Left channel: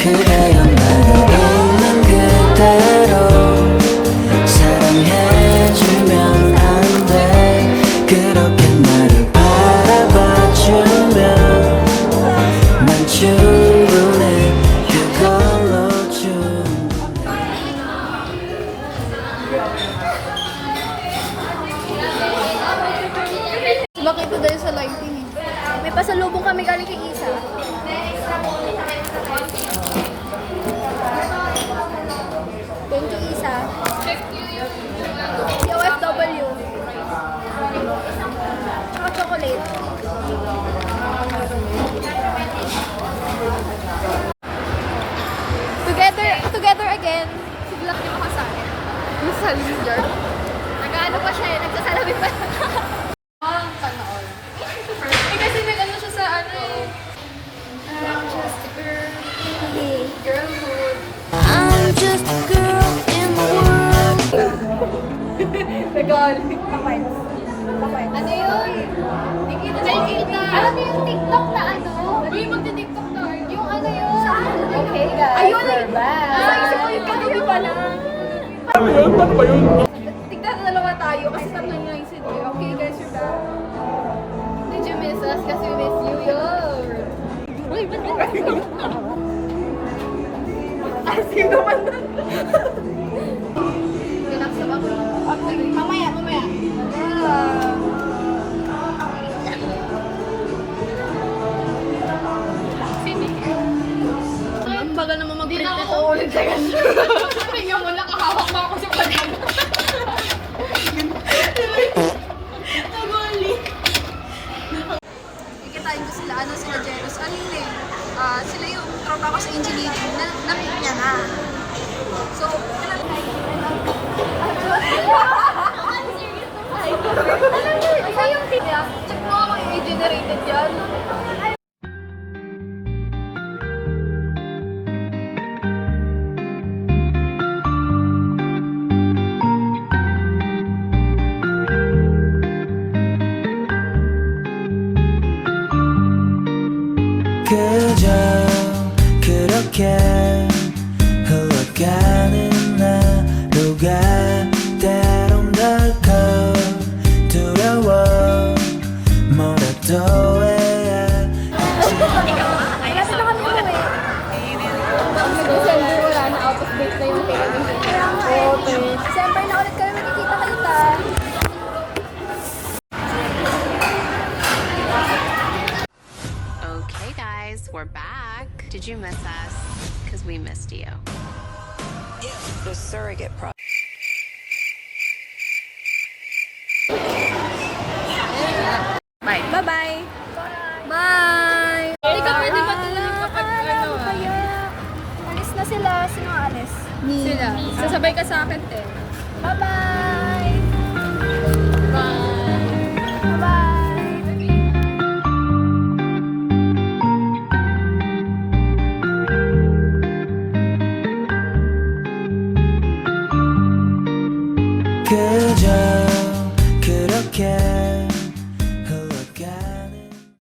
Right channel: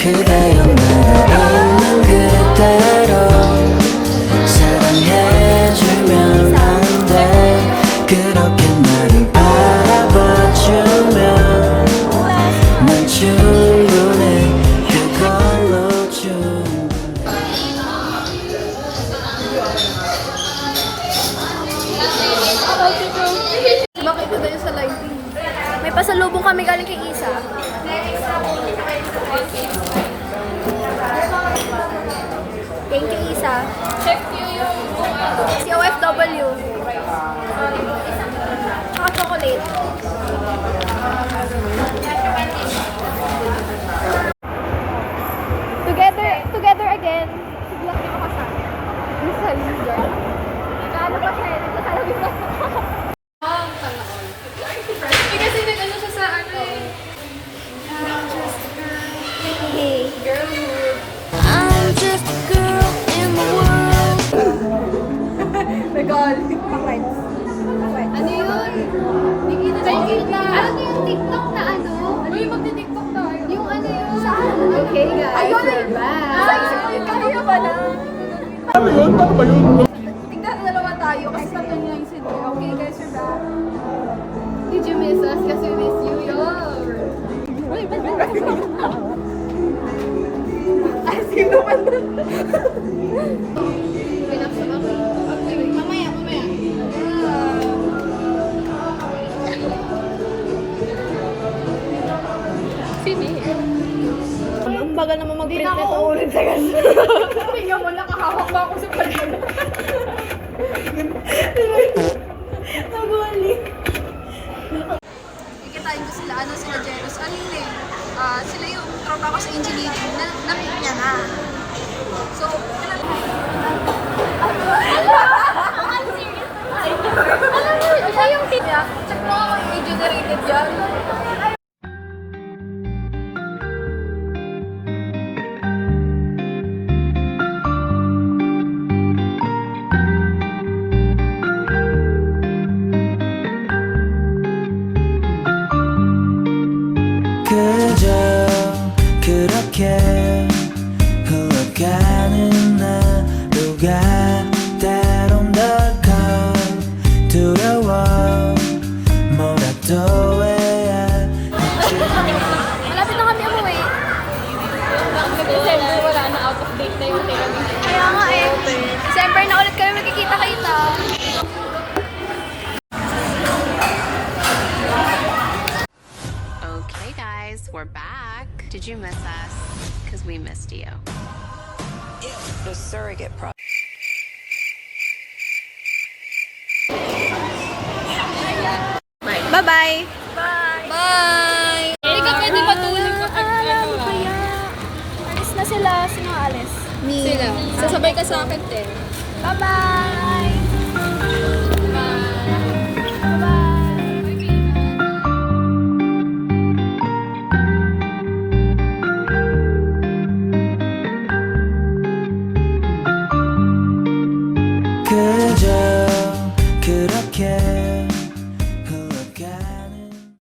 그래요 나를 있는 그대로 사랑해주면 안 돼 그렇게 나를 바라봐주면 난 충분해 그걸로 충분해. Bakit ko dahil sa lighting eh. May pasalubong kami galing kay Isa. Thank you, Isa. Si OFW. Tsaka chocolate. Together again. Biglang niyo kasama. Yung salim dyan. Nag-ano pa siya eh. Nagsasalamin pa. Kasi nag-ano siya sa ano eh. I'm just a girl. Hey. Girlhood. I'm just a girl in the world. Nag-all. Pakwen. Ano yun? Ano yung TikTok na ano? Ano yung magti-TikTok na? Yung ano yun? Saan? Okay guys. Ayun na yun. Sa isip ko yun. Kaya pala. Ano yun? Paano ba yun? Tignan na dalawa tayo kasi tatlo niya yung CD. Okay guys, you're back. Did you miss us? Kasi we miss you. Yo! Asim naman doon. Pinaksa ba ko? Okay. Mamaya. Ang bagal naman mag-print ko to ulit sa ganun. Tingnan mo, nakahawak ba ako sa pagkakas? Nabali. Ikitain ko sila, sila Jeros. Ano yun eh? Sila yung tropa ko sa engineering na na-meet niya na. So, ano yung tip niya? Check mo ako, i-generated yan. 그저 그렇게 흘러가는 하루가 때론 덜컥 두려워 뭐라도 해야 할지. Malapit na kami umuwi. December wala na, out of date na yung hotel. Kaya nga eh. December na ulit kami magkikita-kita. Okay guys, we're back. Did you miss us? Because we missed you. The surrogate pro. Bye-bye! Bye! Bye! Hindi ka pwede matulog kapag ano kaya? Alis na sila. Sino alis? Sila. Sasabay ka sa akin, te. Bye-bye!